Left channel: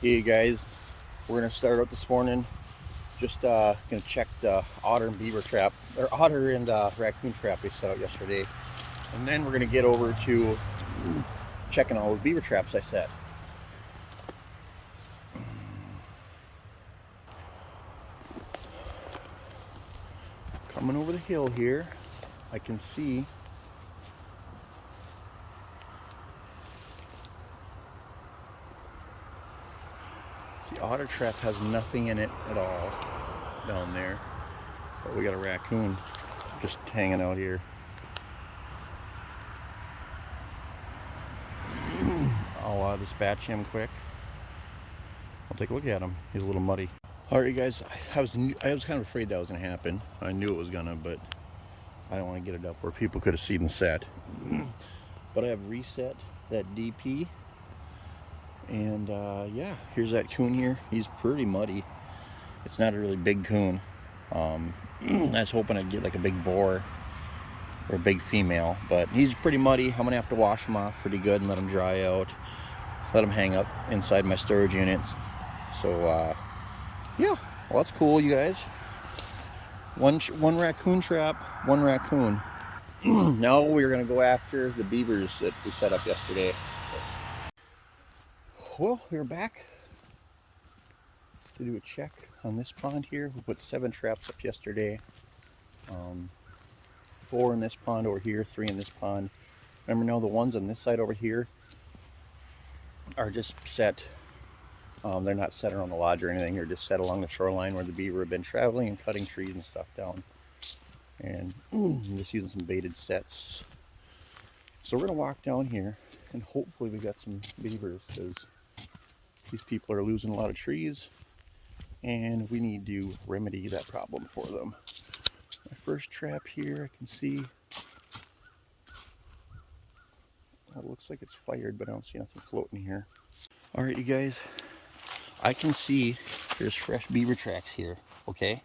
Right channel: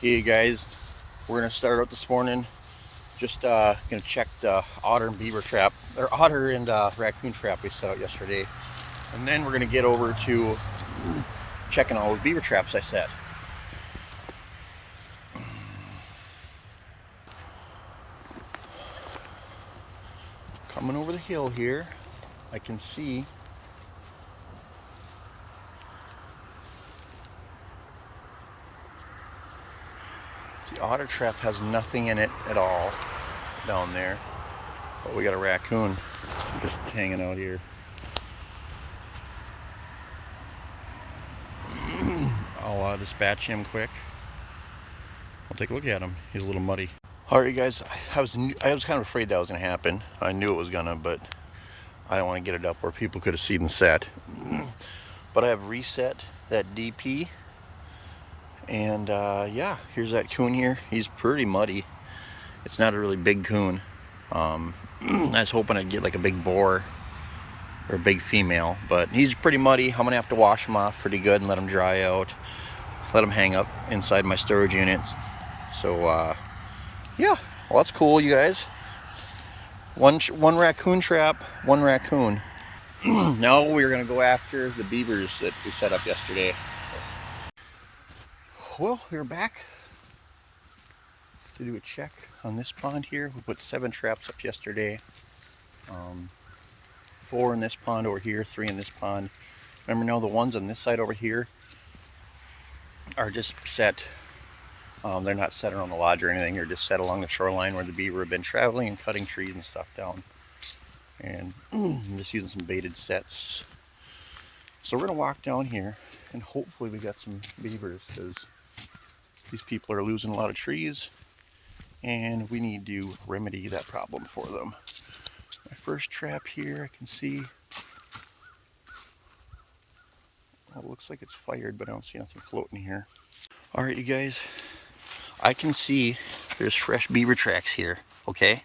Hey guys, we're gonna start out this morning. Just gonna check the otter and beaver trap, or otter and raccoon trap we set out yesterday, and then we're gonna get over to checking all those beaver traps I set. Coming over the hill here, I can see the otter trap has nothing in it at all down there, but we got a raccoon just hanging out here. I'll dispatch him quick. I'll take a look at him. He's a little muddy. All right, you guys. I was kind of afraid that was gonna happen. I knew it was gonna, but I don't want to get it up where people could have seen the set. But I have reset that DP, and yeah, here's that coon here. He's pretty muddy. It's not a really big coon. I was hoping I'd get like a big boar or a big female, but he's pretty muddy. I'm gonna have to wash him off pretty good and let him dry out. Let him hang up inside my storage unit. So yeah, well, that's cool, you guys. One raccoon trap, one raccoon. Now we're gonna go after the beavers that we set up yesterday. Well, we're back to do a check on this pond here. We put 7 traps up yesterday. 4 in this pond over here, 3 in this pond. Remember now, the ones on this side over here are just set. They're not set around the lodge or anything. They're just set along the shoreline where the beaver have been traveling and cutting trees and stuff down. And I'm just using some baited sets. So we're gonna walk down here and hopefully we got some beavers, because these people are losing a lot of trees and we need to remedy that problem for them. My first trap here, I can see, well, it looks like it's fired, but I don't see nothing floating here. All right, you guys, I can see there's fresh beaver tracks here, okay?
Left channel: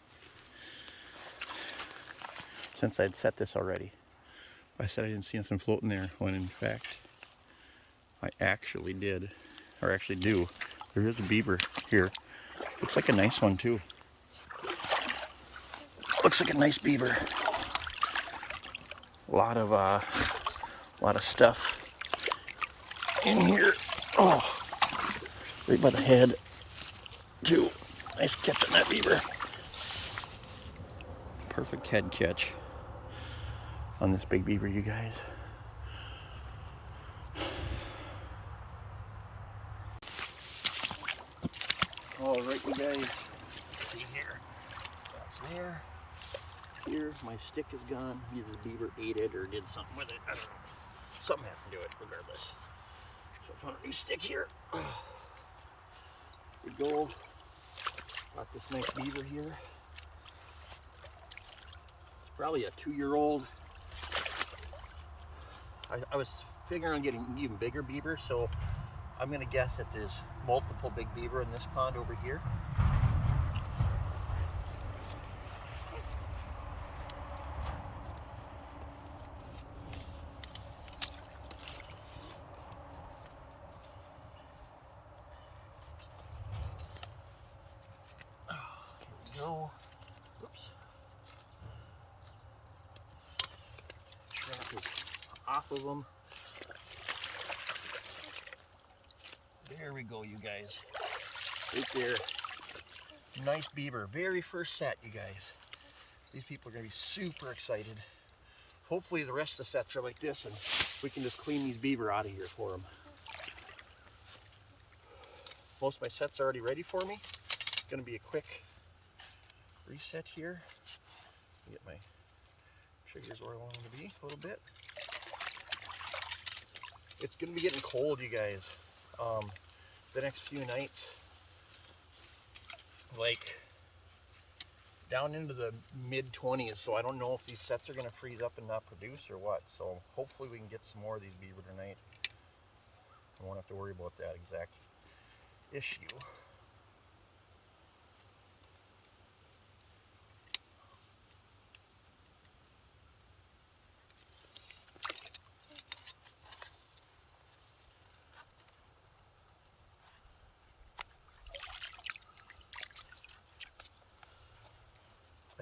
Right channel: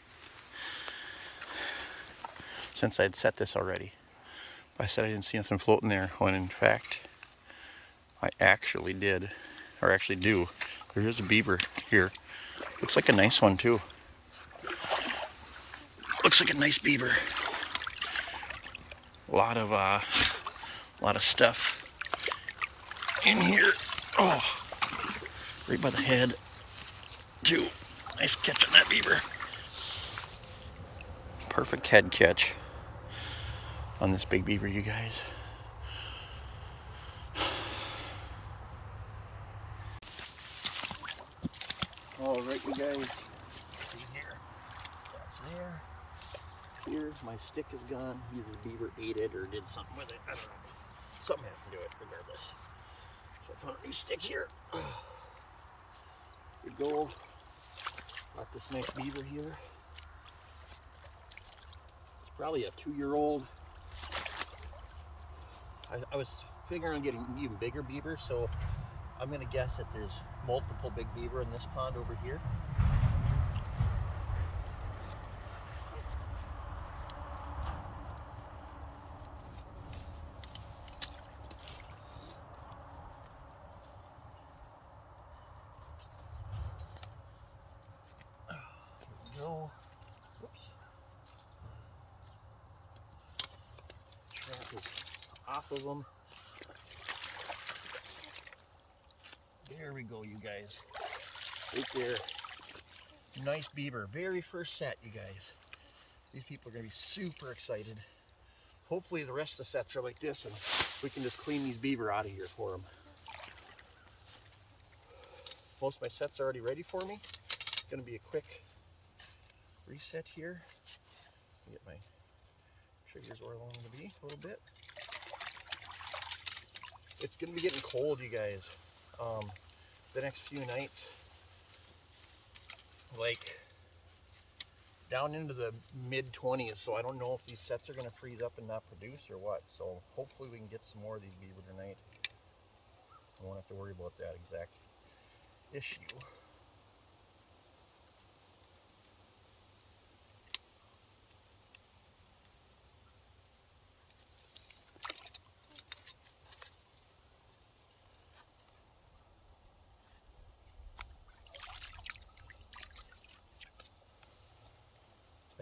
Since I'd set this already. I said I didn't see nothing floating there, when in fact, I actually did, or actually do. There is a beaver here. Looks like a nice one too. Looks like a nice beaver. A lot of stuff in here. Oh, right by the head too. Nice catch on that beaver. Perfect head catch on this big beaver, you guys. All right, you guys. See here. That's there. Here, my stick is gone. Either the beaver ate it or did something with it. I don't know. Something happened to it, regardless. So I found a new stick here. Here we go. Got this nice beaver here. It's probably a 2-year-old. I was figuring on getting even bigger beaver, so I'm gonna guess that there's multiple big beaver in this pond over here. Here we go. Oops. Trap is off of them. There we go, you guys. Right there. Nice beaver. Very first set, you guys. These people are going to be super excited. Hopefully the rest of the sets are like this and we can just clean these beaver out of here for them. Most of my sets are already ready for me. It's going to be a quick reset here. Get my triggers where I want them to be a little bit. It's going to be getting cold, you guys. The next few nights, like down into the mid-20s, so I don't know if these sets are going to freeze up and not produce or what. So hopefully we can get some more of these beaver tonight. I won't have to worry about that exact issue.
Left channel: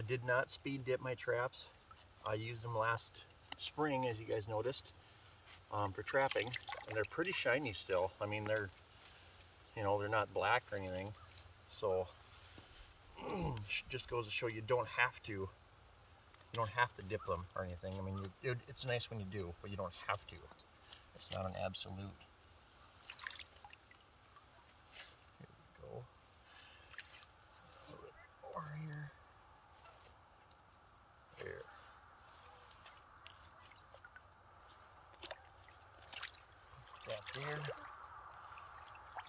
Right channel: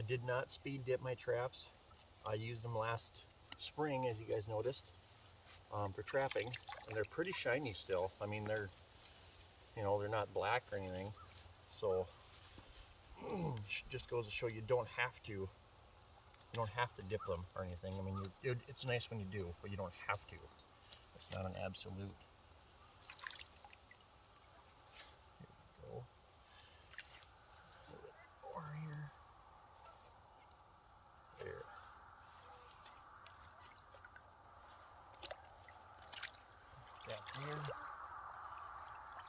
I did not speed dip my traps. I used them last spring, as you guys noticed, for trapping, and they're pretty shiny still. I mean, they're, you know, they're not black or anything. So just goes to show you don't have to. You don't have to dip them or anything. I mean, it's nice when you do, but you don't have to. It's not an absolute. Here we go. A little bit more here. There. That there.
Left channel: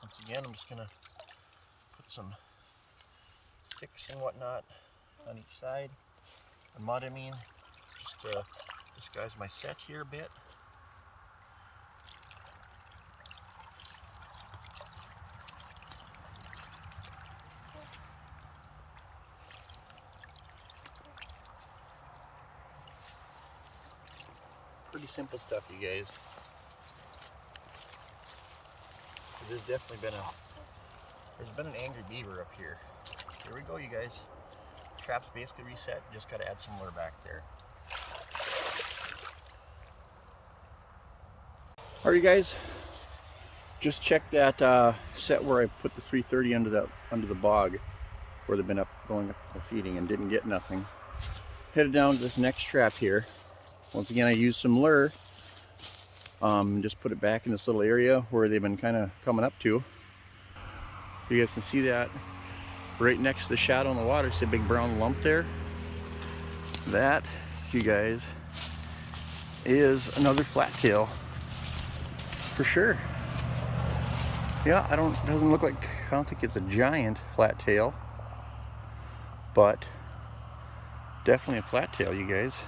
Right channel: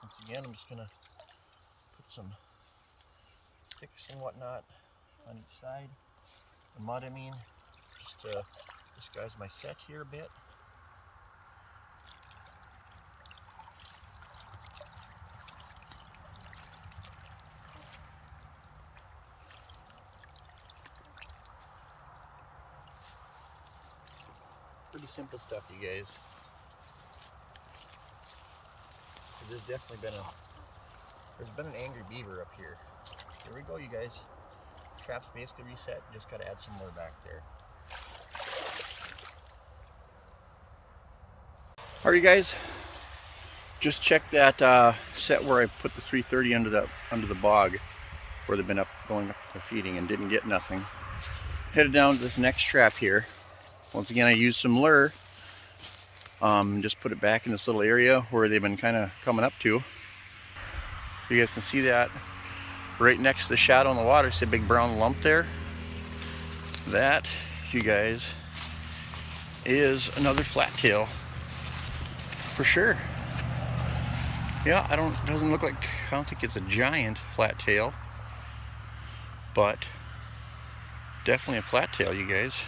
Once again, I'm just gonna put some sticks and whatnot on each side. And mud, I mean, just to disguise my set here a bit. Pretty simple stuff, you guys. So there's definitely been an angry beaver up here. Here we go, you guys. Trap's basically reset, just gotta add some lure back there. Alright, you guys, just check that set where I put the 330 under the bog where they've been going up feeding and didn't get nothing. Headed down to this next trap here. Once again, I used some lure. Just put it back in this little area where they've been kind of coming up to. You guys can see that right next to the shadow in the water. See a big brown lump there? That, you guys, is another flat tail for sure. Yeah, I don't think it's a giant flat tail, but definitely a flat tail, you guys.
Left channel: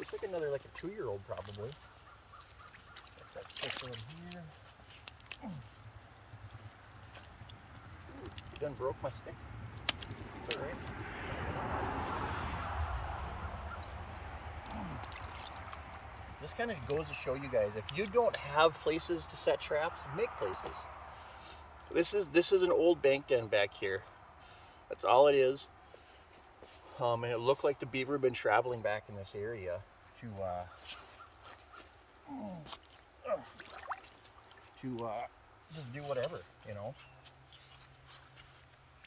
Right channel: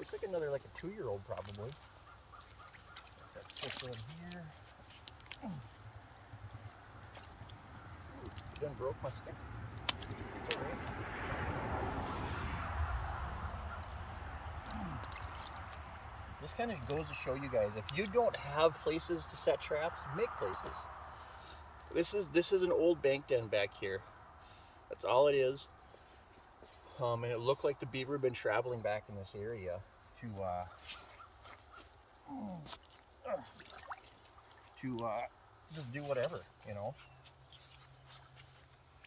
It's like another, like a 2-year-old probably. Like that sticks in here. Ooh, you done broke my stick. It's okay. This kind of goes to show you guys, if you don't have places to set traps, make places. This is an old bank den back here. That's all it is. And it looked like the beaver had been traveling back in this area to just do whatever, you know.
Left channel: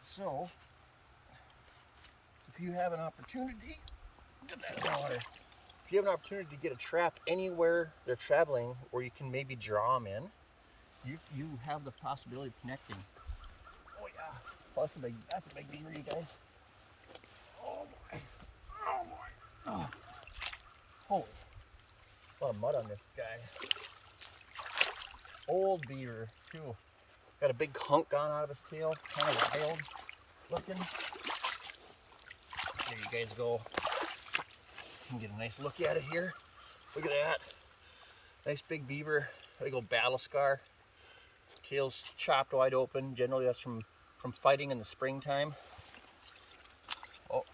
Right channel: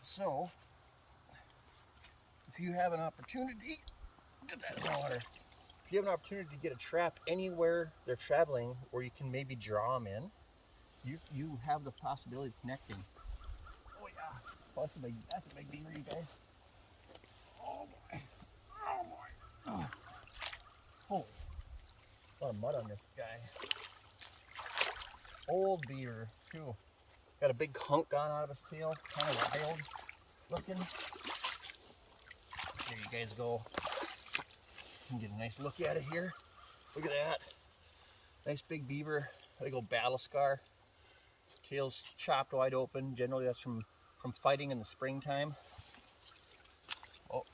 So, if you have an opportunity, get that in the water. If you have an opportunity to get a trap anywhere they're traveling, where you can maybe draw them in, you have the possibility of connecting. Oh yeah, well, that's a big beaver, you guys. Oh boy, oh boy. Oh. Holy, a lot of mud on this guy. Old beaver too. Got a big hunk gone out of his tail, kind of wild looking. There you guys go. You can get a nice look at it here. Look at that. Nice big beaver, big old battle scar. Tail's chopped wide open. Generally that's from fighting in the springtime. Oh,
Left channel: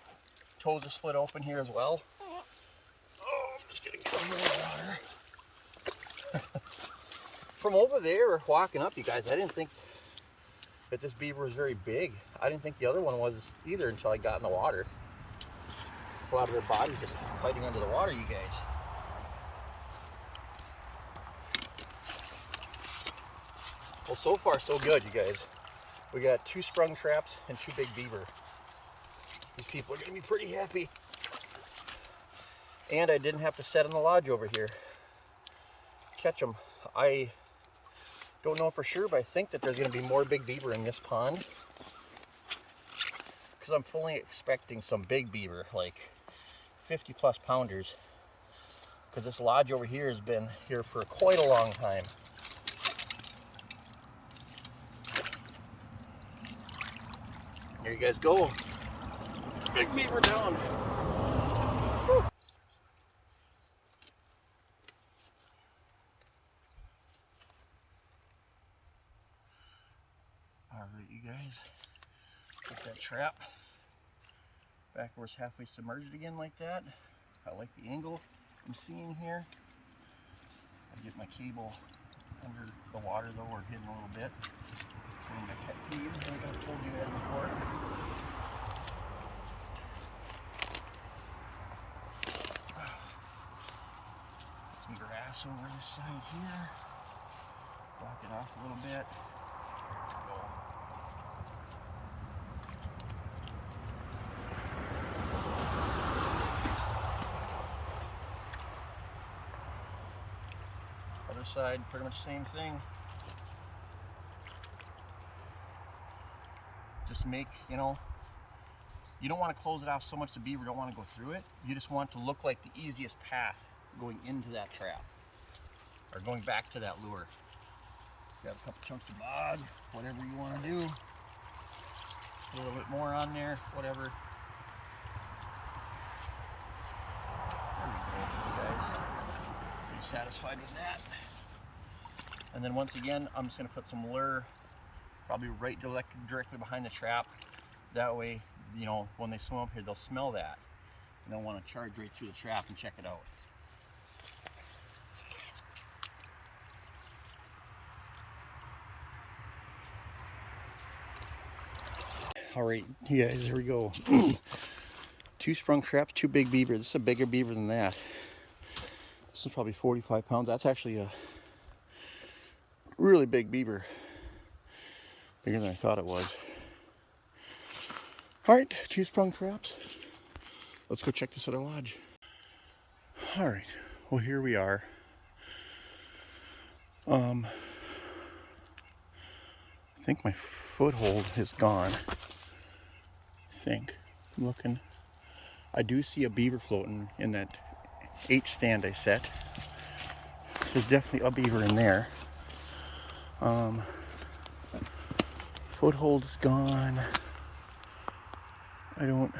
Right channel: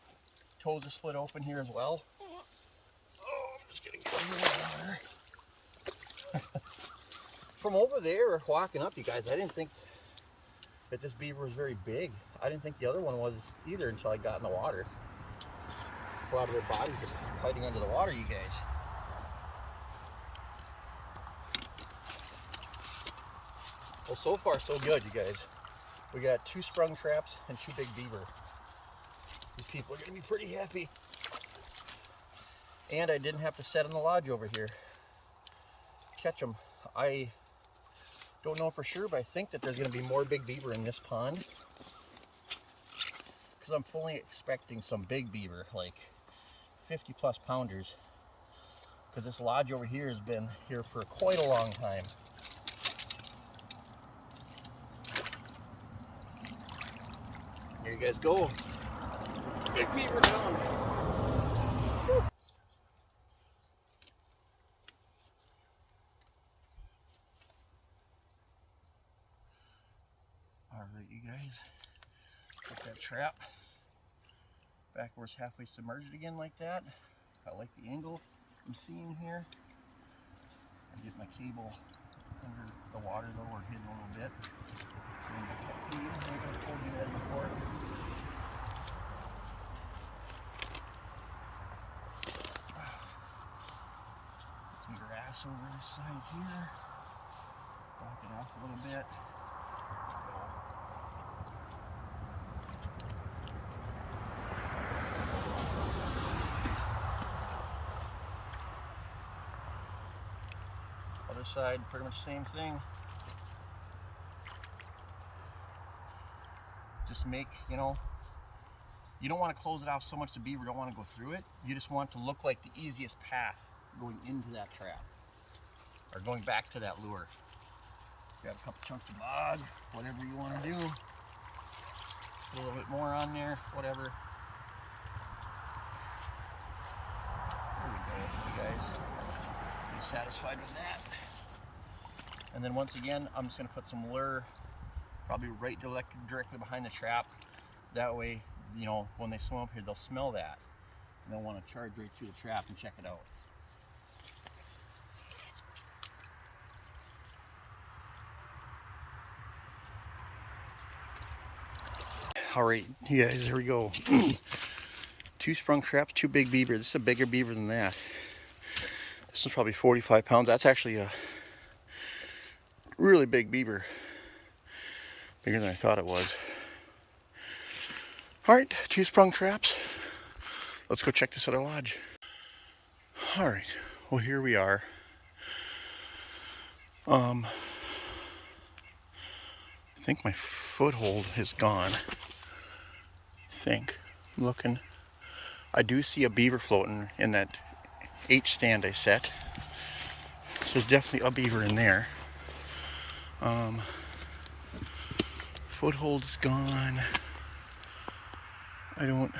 toes are split open here as well. Oh, I'm just getting some more water. From over there, walking up, you guys, I didn't think that this beaver was very big. I didn't think the other one was either until I got in the water. A lot of their bodies just fighting under the water, you guys. Well, so far so good, you guys. We got 2 sprung traps and 2 big beaver. These people are gonna be pretty happy. And I didn't have to set in the lodge over here. Catch them. I don't know for sure, but I think that there's gonna be more big beaver in this pond. Because I'm fully expecting some big beaver, like 50+ pounders. Because this lodge over here has been here for quite a long time. There you guys go. Big beaver down. Whew. Alright, you guys. Put that trap back where it's halfway submerged again like that. I like the angle I'm seeing here. I get my cable under the water though, or hidden a little bit. So my pet peeve, I think I've told you that before. this over this side here. Block it off a little bit. There we go. Other side, pretty much the same thing. Just make, you know, you don't want to close it off so much the beaver don't want to go through it. You just want it to look like the easiest path going into that trap or going back to that lure. Grab a couple chunks of bog, whatever you want to do. Put a little bit more on there, whatever. There we go, you guys. Pretty satisfied with that. And then once again, I'm just going to put some lure probably right directly behind the trap. That way, you know, when they swim up here, they'll smell that. And they'll want to charge right through the trap and check it out. All right, you guys, here we go. 2 sprung traps, 2 big beaver. This is a bigger beaver than that. This is probably 45 pounds. That's actually a really big beaver. Bigger than I thought it was. All right, 2 sprung traps. Let's go check this other lodge. All right, well, here we are. I think my foothold is gone. I think. I'm looking. I do see a beaver floating in that H stand I set. So there's definitely a beaver in there. Foothold is gone. I don't.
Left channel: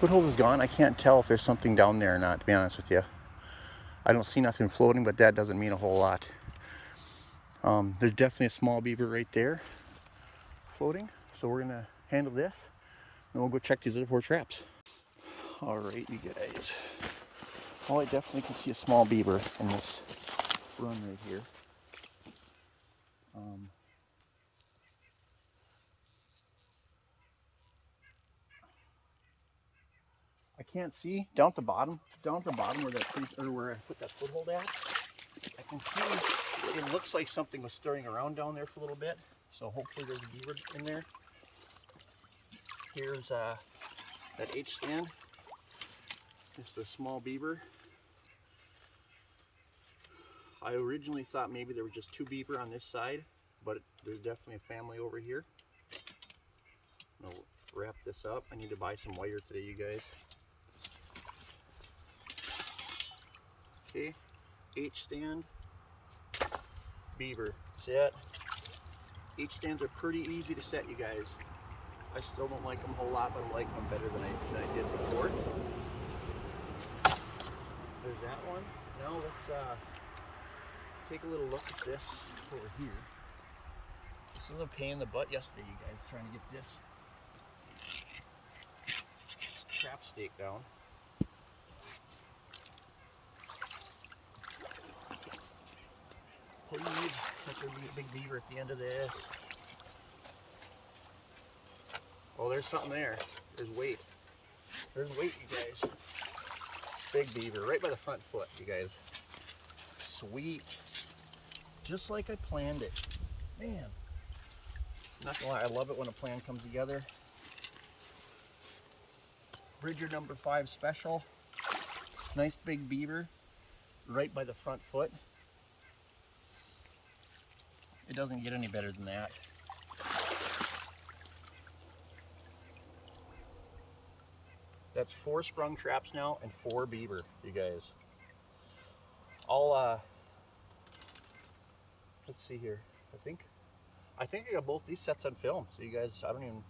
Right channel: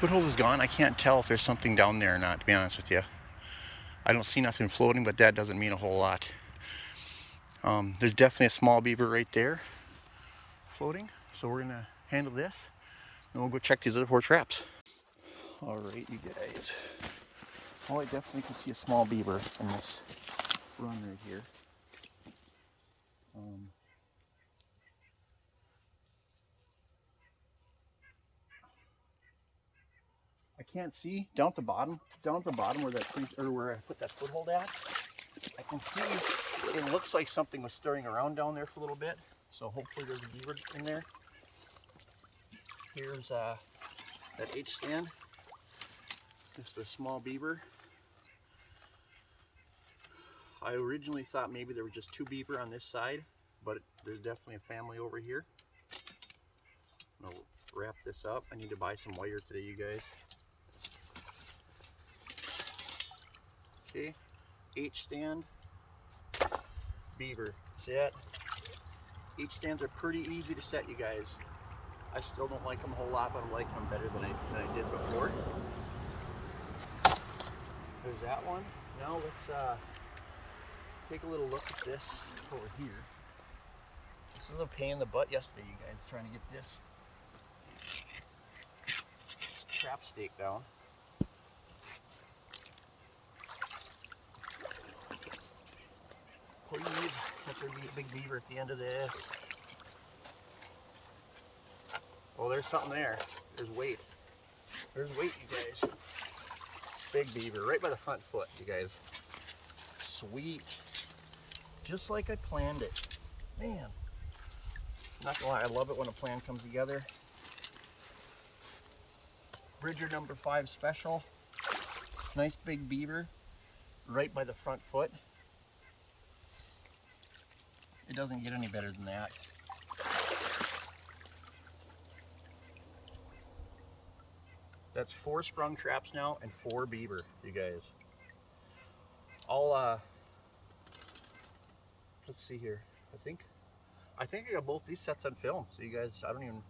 Foothold is gone. I can't tell if there's something down there or not, to be honest with you. I don't see nothing floating, but that doesn't mean a whole lot. There's definitely a small beaver right there floating. So we're gonna handle this and we'll go check these other 4 traps. All right, you guys. Well, I definitely can see a small beaver in this room right here. I can't see down at the bottom where where I put that foothold at. I can see it looks like something was stirring around down there for a little bit. So hopefully there's a beaver in there. Here's that H stand. Just a small beaver. I originally thought maybe there were just 2 beaver on this side, but there's definitely a family over here. I'll wrap this up. I need to buy some wire today, you guys. Okay, H stand, beaver, set. H stands are pretty easy to set, you guys. I still don't like them a whole lot, but I'm liking them better than I did before. There's that one. Now let's take a little look at this over here. This was a pain in the butt yesterday, you guys, trying to get this trap stake down. Please, let there be a big beaver at the end of this. Oh, there's something there. There's weight. There's weight, you guys. Big beaver, right by the front foot, you guys. Sweet. Just like I planned it. Man. Not gonna lie, I love it when a plan comes together. Bridger number 5 special. Nice big beaver, right by the front foot. It doesn't get any better than that. That's 4 sprung traps now and 4 beaver, you guys. Let's see here. I think I got both these sets on film, so you guys, I don't even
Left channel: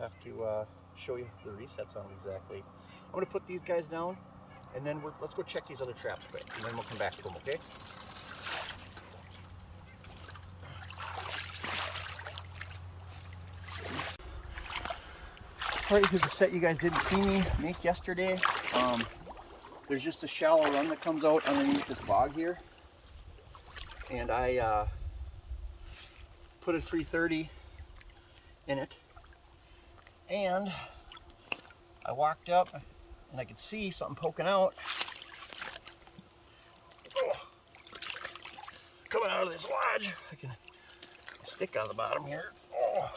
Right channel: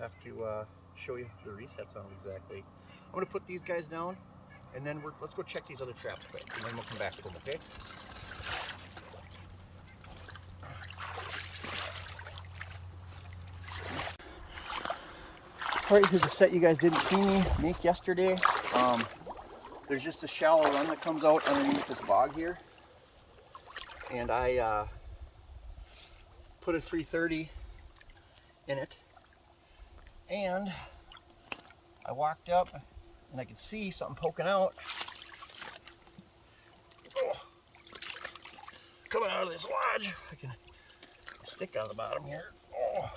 have to show you the resets on them exactly. I'm gonna put these guys down, and then let's go check these other traps quick, and then we'll come back to them, okay? All right, here's a set you guys didn't see me make yesterday. There's just a shallow run that comes out underneath this bog here. And I put a 330 in it, and I walked up and I could see something poking out. Oh, coming out of this lodge. I can stick on the bottom here. Oh,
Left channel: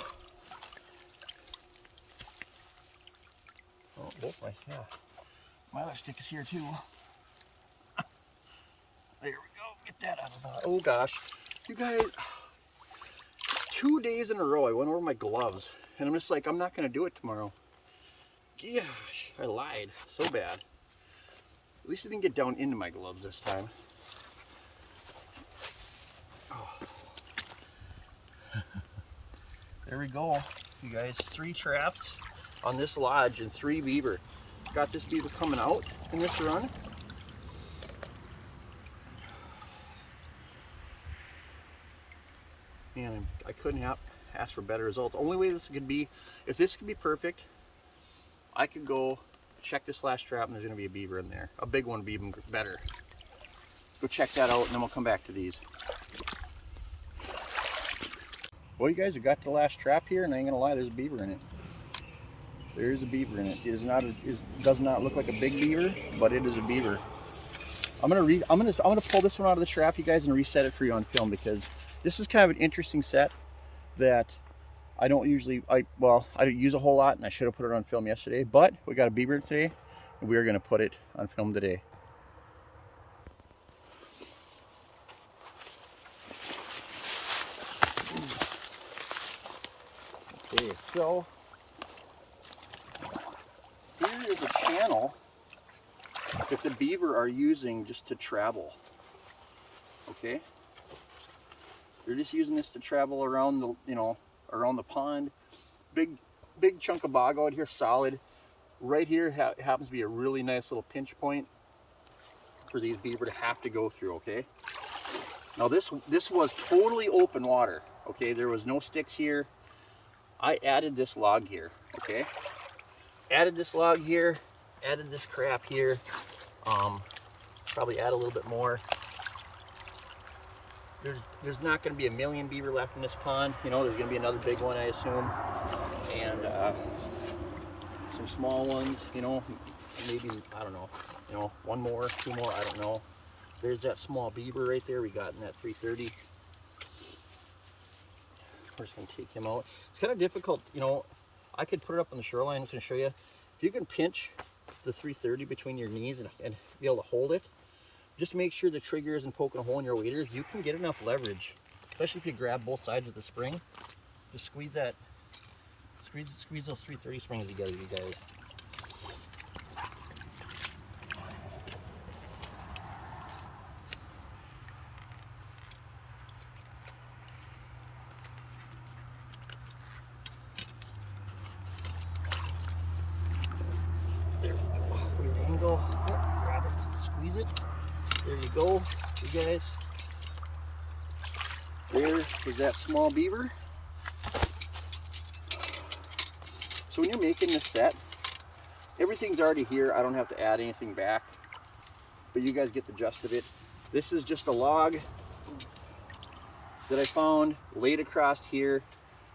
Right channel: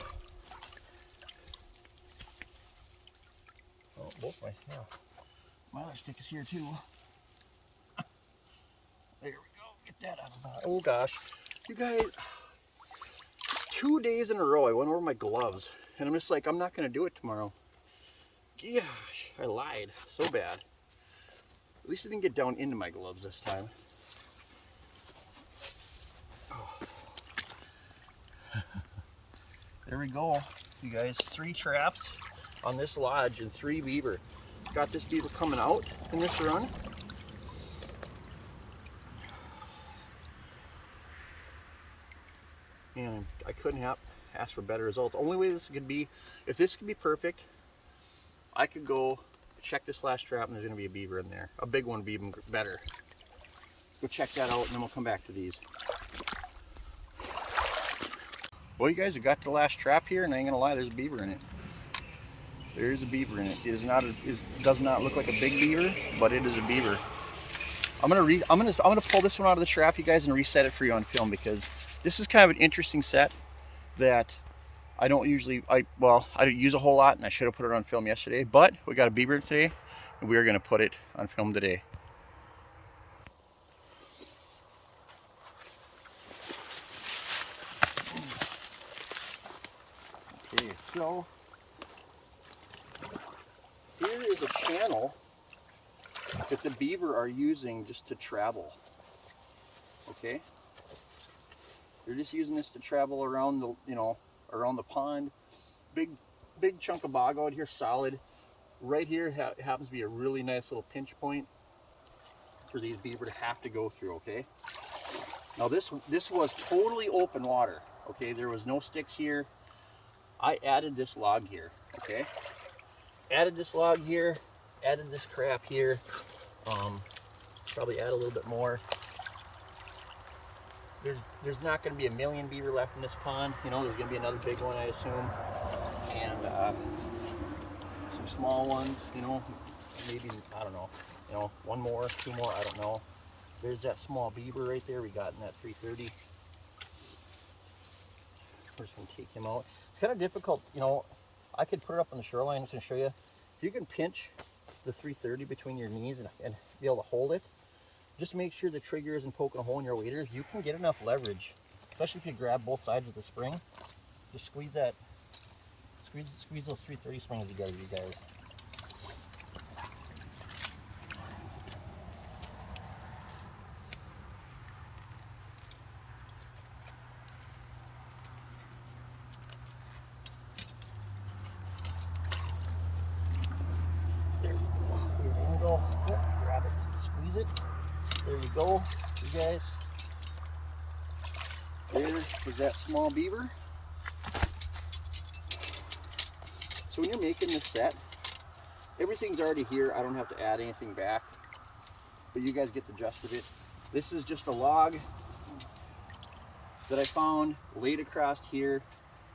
oh both my other stick is here too. There we go. Get that out of the bottom. Oh gosh, you guys. 2 days in a row I went over my gloves, and I'm just like, I'm not gonna do it tomorrow. Gosh, I lied so bad. At least it didn't get down into my gloves this time. Oh. There we go, you guys. 3 traps on this lodge and 3 beaver. Got this beaver coming out in this run. Man, I couldn't ask for better results. The only way this could be, if this could be perfect, I could go check this last trap and there's going to be a beaver in there. A big one would be even better. Go check that out and then we'll come back to these. Well, you guys have got the last trap here, and I ain't going to lie, there's a beaver in it. There is a beaver in it. It is not. It does not look like a big beaver, but it is a beaver. I'm gonna pull this one out of the trap, you guys, and reset it for you on film, because this is kind of an interesting set that I don't usually, I don't use a whole lot, and I should have put it on film yesterday, but we got a beaver today, and we are going to put it on film today. Okay, so here is a channel that the beaver are using just to travel. Okay? They're just using this to travel around the, around the pond. Big chunk of bog out here, solid. Right here happens to be a really nice little pinch point for these beaver to have to go through, okay? Now this was totally open water, okay? There was no sticks here. I added this log here, okay? Added this log here, added this crap here. Probably add a little bit more. There's not going to be a million beaver left in this pond. There's going to be another big one, I assume, and some small ones. Maybe, I don't know. 1 more, 2 more, I don't know. There's that small beaver right there we got in that 330. We're just going to take him out. It's kind of difficult, I could put it up on the shoreline. I'm just going to show you. If you can pinch the 330 between your knees and be able to hold it, just make sure the trigger isn't poking a hole in your waders. You can get enough leverage, especially if you grab both sides of the spring. Just squeeze those 330 springs together, you guys. There we go. Weird angle. Yep, grab it, squeeze it. There you go, you guys. There is that small beaver. So when you're making this set, everything's already here. I don't have to add anything back, but you guys get the gist of it. This is just a log that I found laid across here.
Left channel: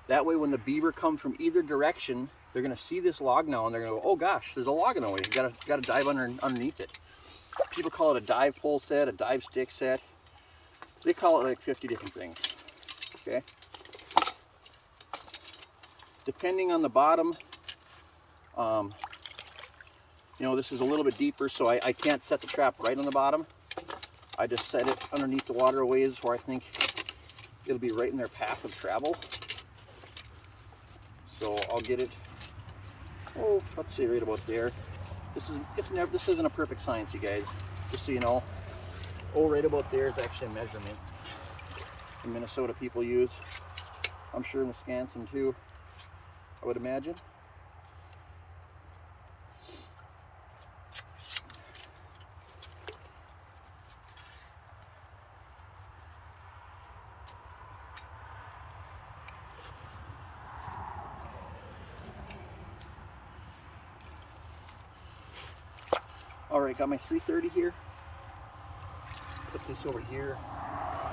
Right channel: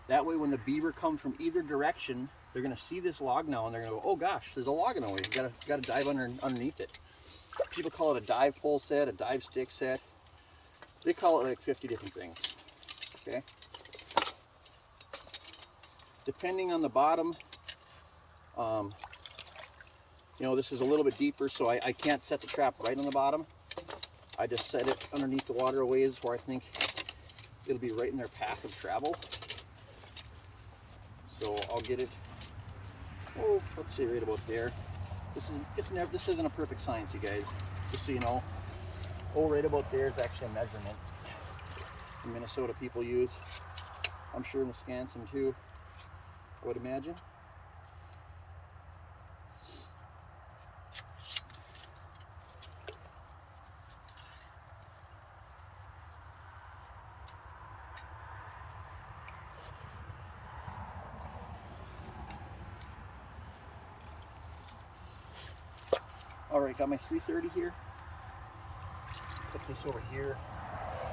That way when the beaver come from either direction, they're gonna see this log now and they're gonna go, oh gosh, there's a log in the way. You gotta dive underneath it. People call it a dive pole set, a dive stick set. They call it like 50 different things, okay? Depending on the bottom, this is a little bit deeper, so I can't set the trap right on the bottom. I just set it underneath the water a ways where I think it'll be right in their path of travel. So I'll get it, let's say right about there. This isn't a perfect science, you guys, just so you know. Right about there is actually a measurement in Minnesota people use. I'm sure in Wisconsin too, I would imagine. All right, got my 330 here. Put this over here.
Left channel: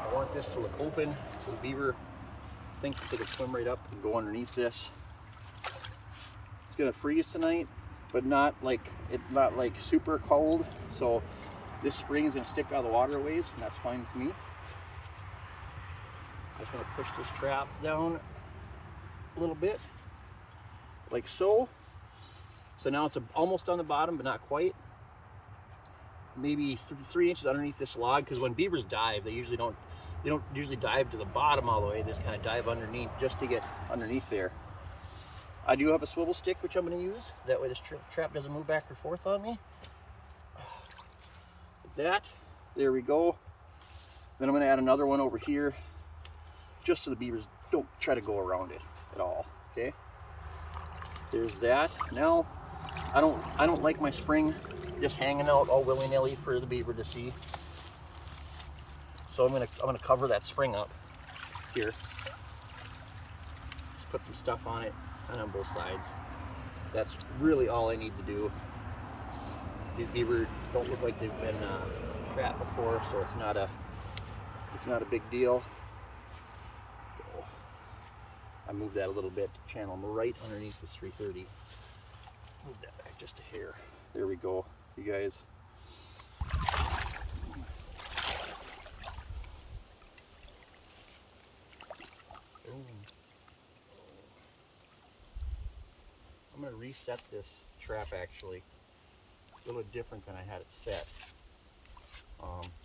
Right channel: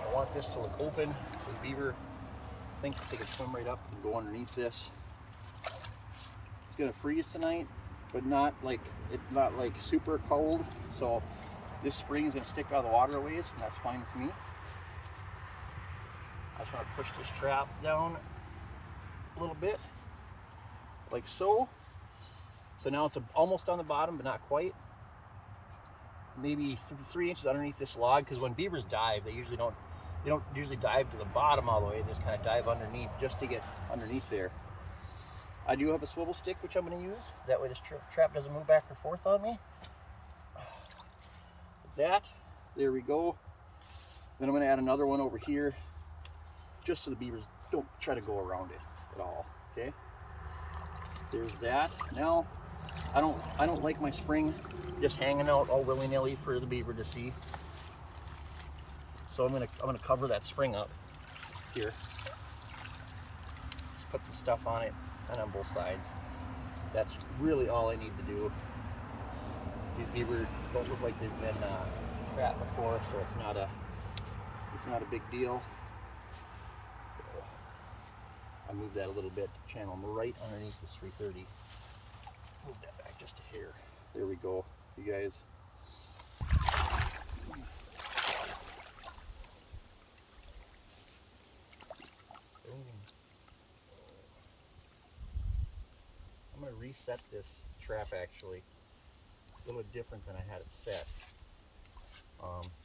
I want this to look open so the beaver think they could swim right up and go underneath this. It's gonna freeze tonight, but not like super cold. So this spring is gonna stick out of the water a ways, and that's fine with me. I just want to push this trap down a little bit, like so. So now it's almost on the bottom, but not quite. Maybe 3 inches underneath this log, because when beavers dive, they don't usually dive to the bottom all the way. They just kind of dive underneath just to get underneath there. I do have a swivel stick, which I'm going to use. That way this trap doesn't move back or forth on me. Like that. There we go. Then I'm going to add another one over here, just so the beavers don't try to go around it at all. Okay. There's that. Now, I don't like my spring just hanging out all willy-nilly for the beaver to see. So I'm gonna cover that spring up here. Just put some stuff on it, kind of on both sides. That's really all I need to do. These beaver don't look like they've been trapped before, so it's not a big deal. Go. I moved that a little bit to channel them right underneath this 330. Move that back just a hair. There we go, you guys. I'm going to reset this trap actually. A little different than I had it set.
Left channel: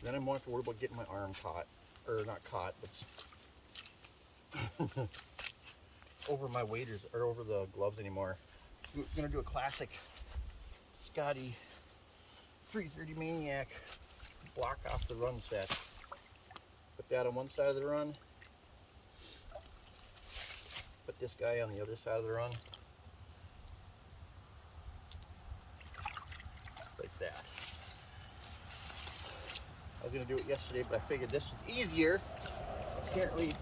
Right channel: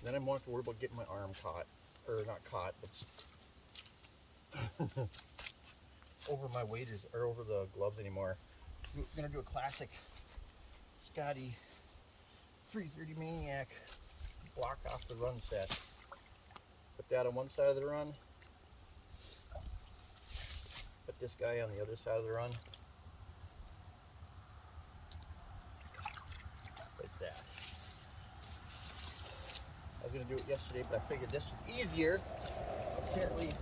Then I won't have to worry about getting my arm caught. Or not caught, but over my waders, or over the gloves anymore. I'm going to do a classic Scotty 330 Maniac block off the run set. Put that on one side of the run. Put this guy on the other side of the run. Like that. I was going to do it yesterday, but I figured this was easier. Apparently,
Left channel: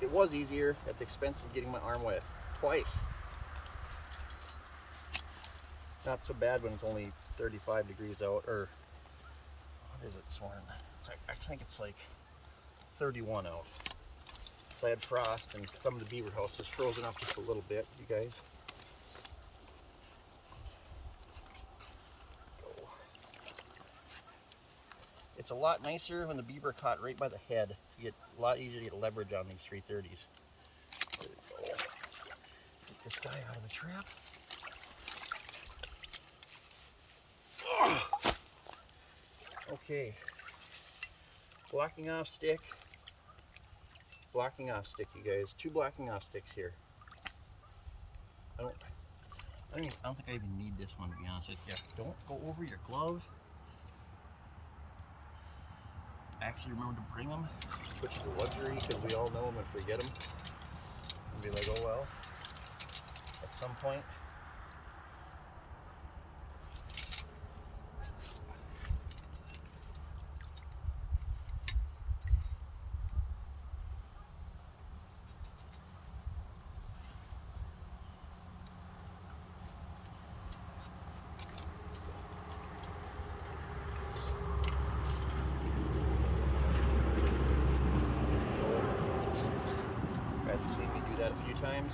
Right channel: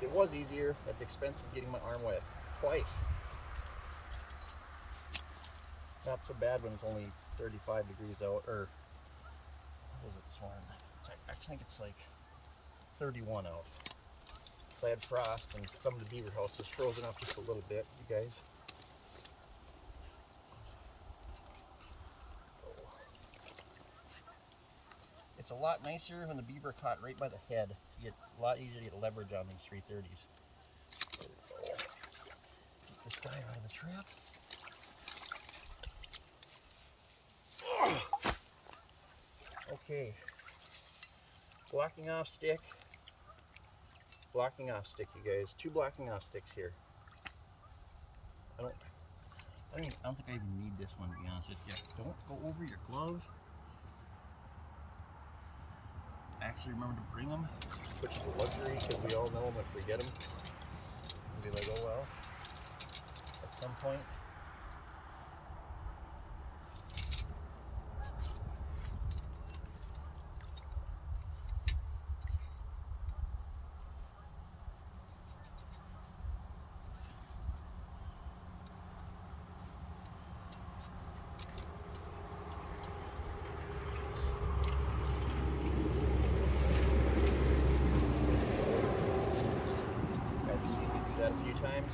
it was easier at the expense of getting my arm wet twice. Not so bad when it's only 35 degrees out, or what is it, Sworn? I think it's like 31 out. So I had frost, and some of the beaver house is frozen up just a little bit, you guys. It's a lot nicer when the beaver are caught right by the head. You get a lot easier to get leverage on these 330s. There we go. Get this guy out of the trap. Okay. Blocking off stick. Blocking off stick, you guys. 2 blocking off sticks here. I don't think I even need this one, to be honest with you. Don't go over your glove. Actually remember to bring them, which is a luxury because we all know them and forget them and be like, oh well, at some point. You've seen me do that a few times.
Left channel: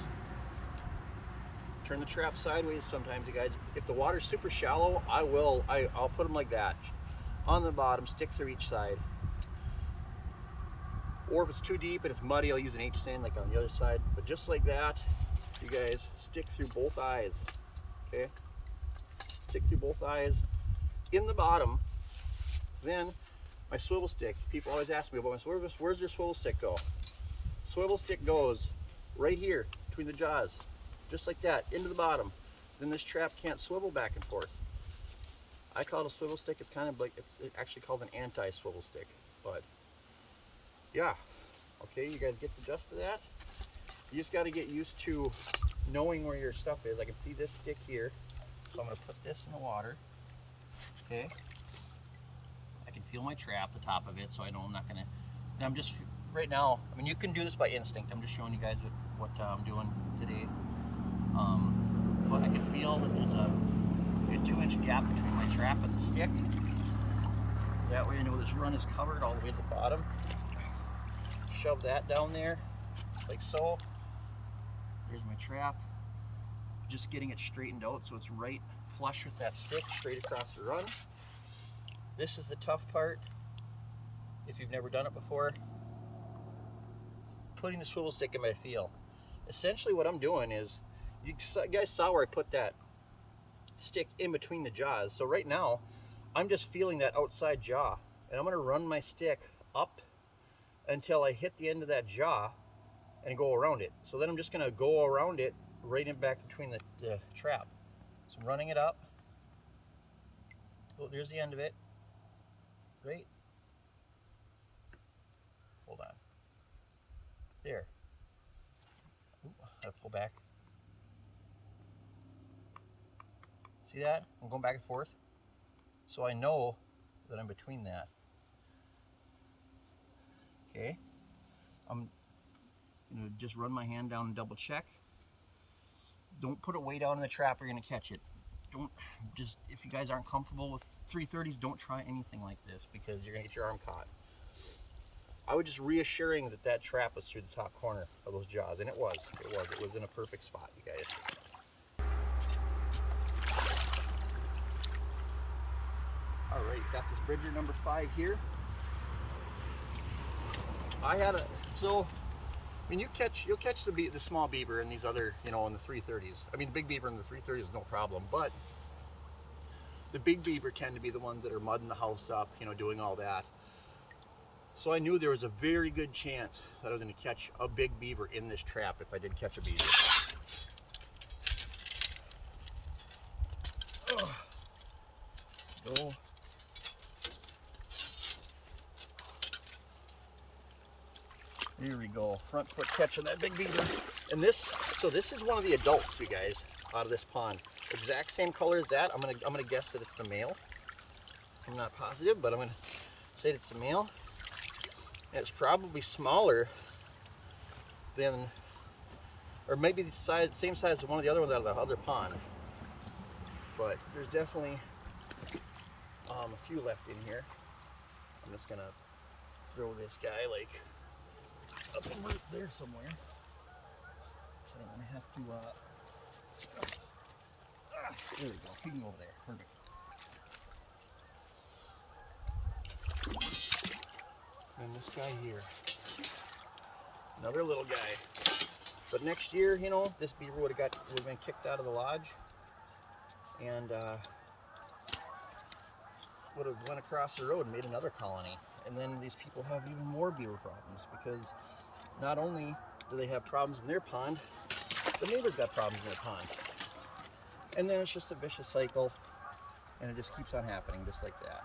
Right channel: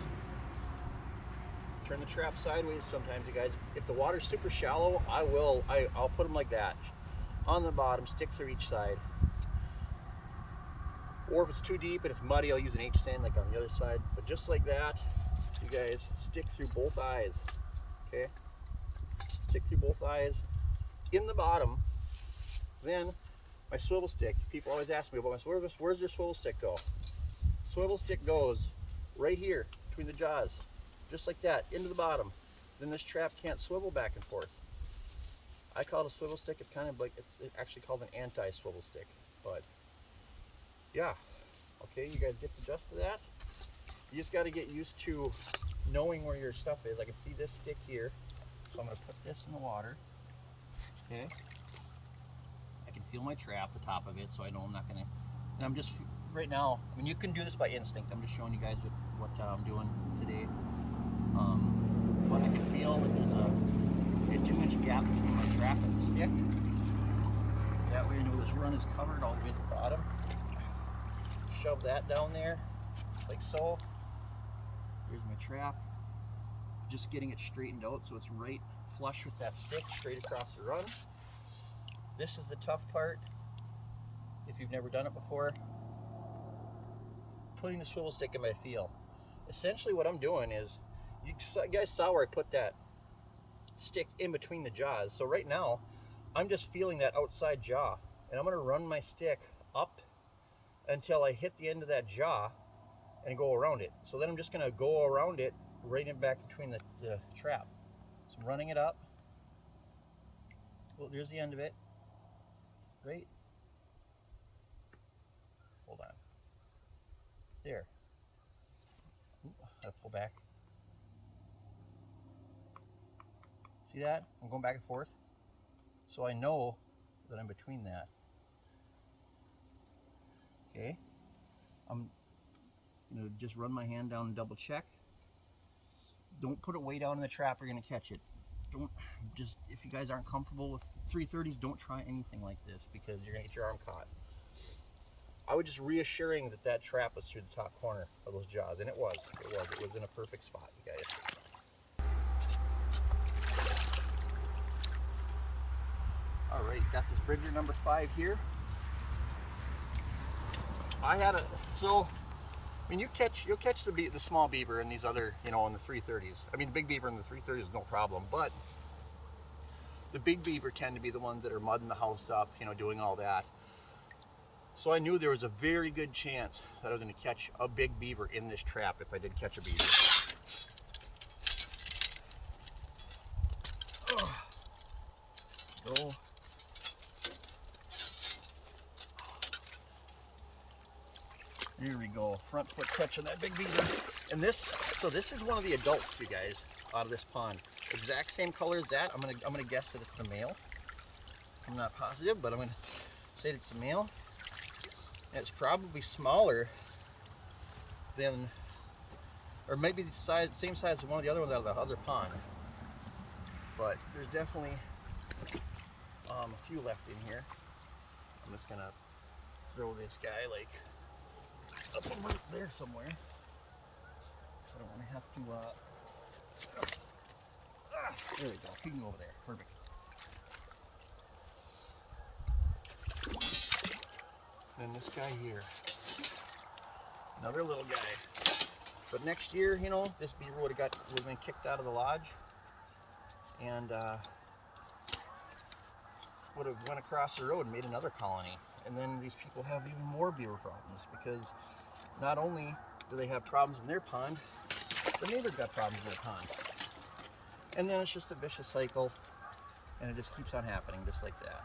Turn the trap sideways sometimes, you guys. If the water's super shallow, I'll put them like that. On the bottom, stick through each side. Or if it's too deep and it's muddy, I'll use an H-sand like on the other side. But just like that, you guys, stick through both eyes, okay? Stick through both eyes in the bottom. Then my swivel stick. People always ask me about my swivel. Where's your swivel stick go? Swivel stick goes right here between the jaws, just like that, into the bottom. Then this trap can't swivel back and forth. I call it a swivel stick. It's kind of like, it's actually called an anti-swivel stick. But yeah, okay, you guys get the gist of that. You just got to get used to knowing where your stuff is. I can see this stick here, so I'm going to put this in the water. Okay, I can feel my trap, the top of it, so I know I'm not going to. And I'm just right now, I mean, you can do this by instinct. I'm just showing you guys what I'm doing today. But I can feel that there's a 2-inch gap between my trap and the stick. That way I know this run is covered all the way to the bottom. Shove that down there like so. Here's my trap. Just getting it straightened out so it's right flush with that stick, straight across the run. This is the tough part. If you've never done it before, putting the swivel stick in my feel. Essentially what I'm doing is, you guys saw where I put that stick in between the jaws. So right now, I'm just feeling that outside jaw, and I'm gonna run my stick up until I hit the end of that jaw and go around it. So then I'm just gonna go around it right in back between the trap. So I'm running it up. Oh, there's the end of it. Right? Hold on. There. Ooh, I have to pull back. See that? I'm going back and forth. So I know that I'm between that. Okay. I'm gonna just run my hand down and double check. Don't put it way down in the trap or you're gonna catch it. Don't just, if you guys aren't comfortable with 330s, don't try anything like this because you're gonna get your arm caught. I was just reassuring that that trap was through the top corner of those jaws, and it was in a perfect spot, you guys. All right, got this Bridger number 5 here. I had a, so, I mean, you'll catch the small beaver and these other, you know, in the 330s. I mean, big beaver in the 330s is no problem, but the big beaver tend to be the ones that are mudding the house up, you know, doing all that. So I knew there was a very good chance that I was going to catch a big beaver in this trap if I did catch a beaver. Go. Here we go. Front foot catching that big beaver. And this, so this is one of the adults, you guys, out of this pond. Exact same color as that. I'm gonna guess that it's the male. I'm not positive, but I'm gonna say it's the male. And it's probably smaller than, or maybe the size, same size as one of the other ones out of the other pond. But there's definitely a few left in here. I'm just gonna throw this guy like up over there somewhere. So I don't want to have to, there we go, he can go over there, perfect. And this guy here, another little guy. But next year, you know, this beaver would have been kicked out of the lodge, and would have went across the road and made another colony. And then these people have even more beaver problems because not only do they have problems in their pond, the neighbors got problems in their pond. And then it's just a vicious cycle, and it just keeps on happening just like that.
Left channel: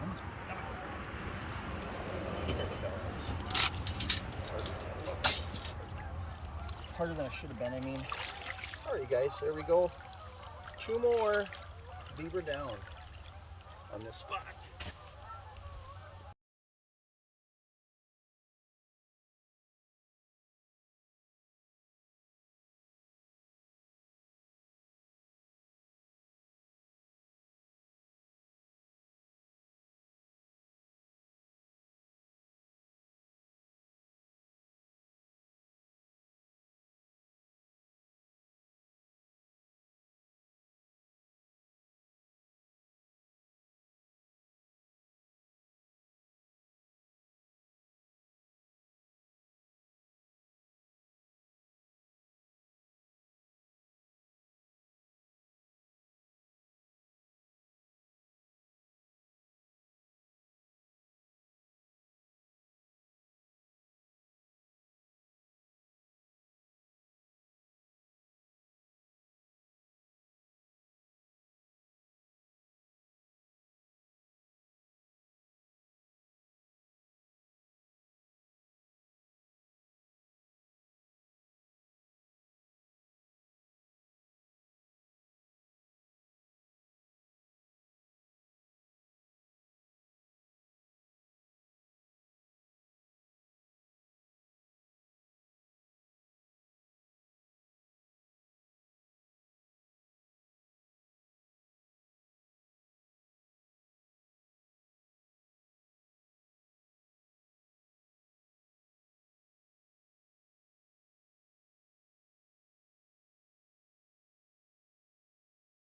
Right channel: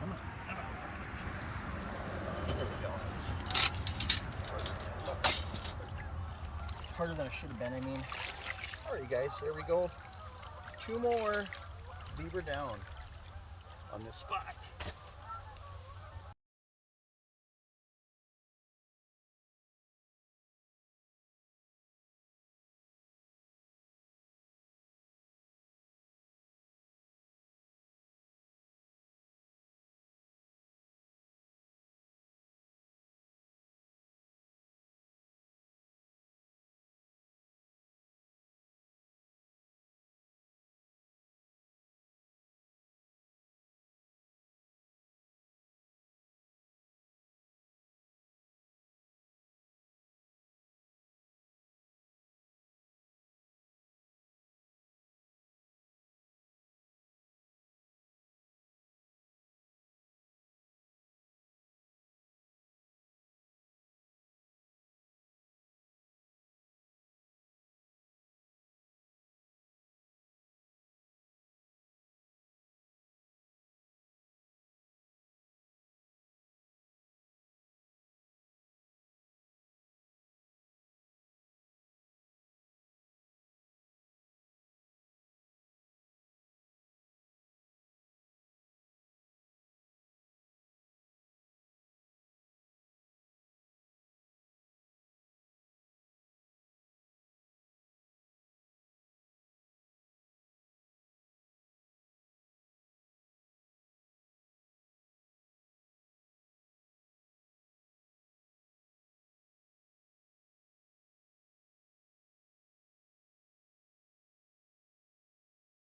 Come on, come on. There we go. Harder than it looked. Harder than it should have been, I mean. All right, guys, there we go. 2 more beaver down on this spot.